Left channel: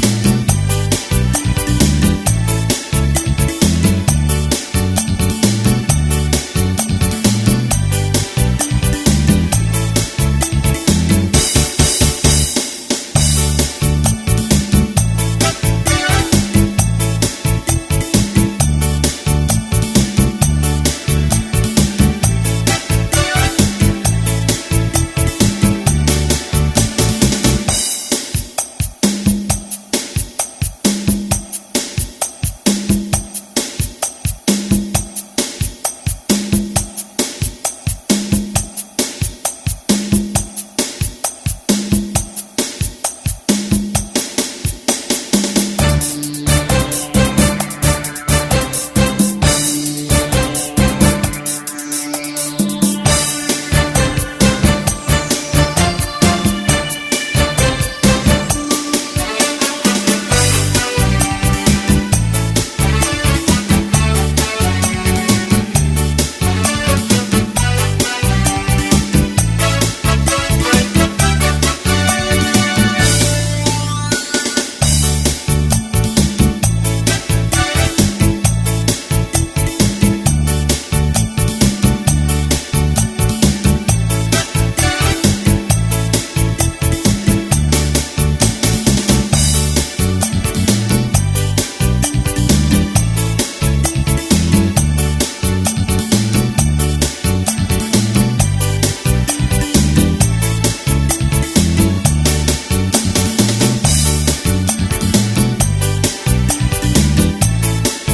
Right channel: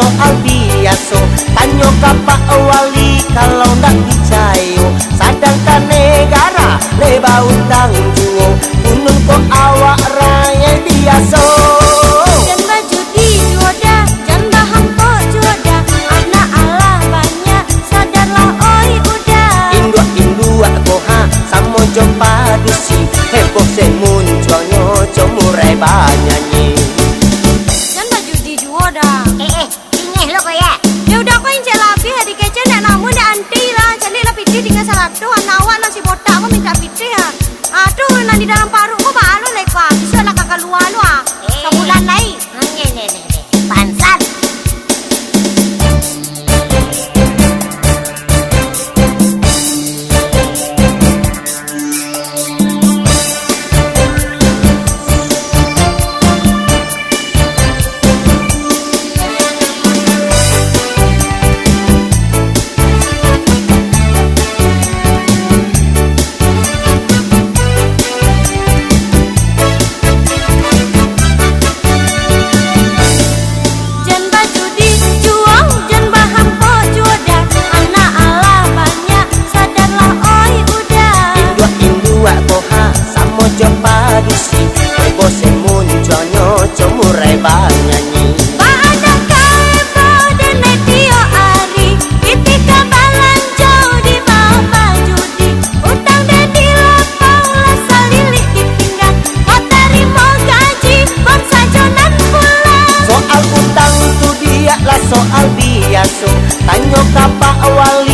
Soal biasa, tanya ke Pak Wali kalau nggak percaya. Sedangkan negara leba utang duo, untuk awak rakyat biasa. Dan baju dijoda, dan bahan kok joda, anak Allah banyak, sadarlah oi udah. Indua koha, sama jumpa dusi, heboh semunculnya, cemurai banyak ni. Dan baju dijoda. Ya udah kau yang celapi hari kece nak namun dah anti lah. Jadi lah piti tinggal salah tu anak awak nasi botak kau minta piti ya. Aduh nanti dalam paru kau balu lepas. Bisa nak kakak luar lu ah. Sebulan lain. Pansat. Dan baju dijual dan bahan kok joda, anak Allah banyak, sadarlah oi udah. Indua koha, sama jumpa dusi, heboh semunculnya, cemurai banyak ni. Pada kebo dan metio ari, ketika balanja di bawah judi, utang dan dilapau lah salilik di pinggang, kau terima gaji bangsa jonan pula. Soal utang tu dia lah soal biasa, tanya ke Pak Wali